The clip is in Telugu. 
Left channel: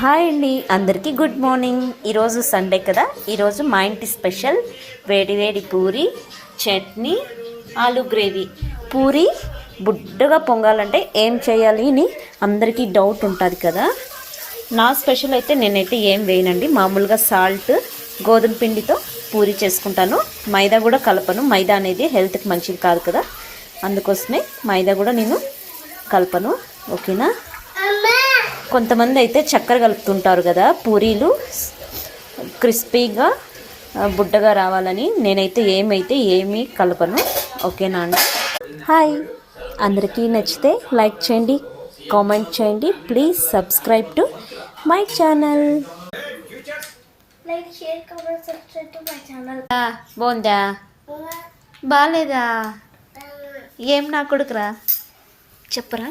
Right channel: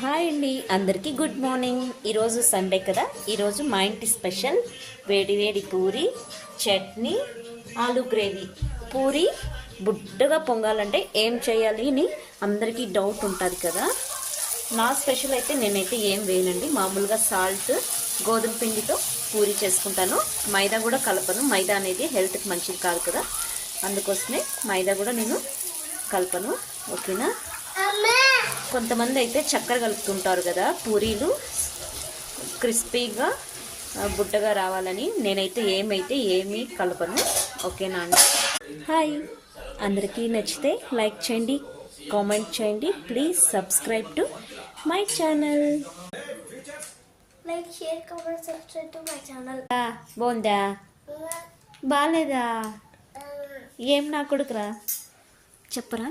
హాయ్ అండి, అందరికీ గుడ్ మార్నింగ్. ఈరోజు సండే కదా. ఈరోజు మా ఇంటి స్పెషల్ వేడి వేడి పూరి, చట్నీ, ఆలు గ్రేవీ. పూరి బుడ్డగా పొంగాలంటే ఏం చేయాలి అని అందరికీ డౌట్ ఉంటుంది కదా. నా స్పెషల్ అయితే నేనైతే ఏం వేయనండి. మామూలుగా సాల్ట్, గోధుమ పిండితో పూరి చేసుకుంటాను. మైదా కూడా కలపను. మైదా అనేది హెల్త్కి మంచిది కాదు కదా, అందుకోసమే మైదా కూడా నేను కలపను. ఓకేనా. కొంతమంది అయితే చక్కెర కలుపుతుంటారు కదా పూరీలు క్రిస్పీగా బుడ్డగా రావాలని. నేనైతే ఏమీ కలపను. ఓకేనా అండి. హాయ్, అందరికీ నచ్చితే లైక్ చేయండి, కామెంట్ చేయండి. Please subscribe to my channel. బాగుందా? బాగాలేదా? ఏం నా కొడుకురా చెప్పరా.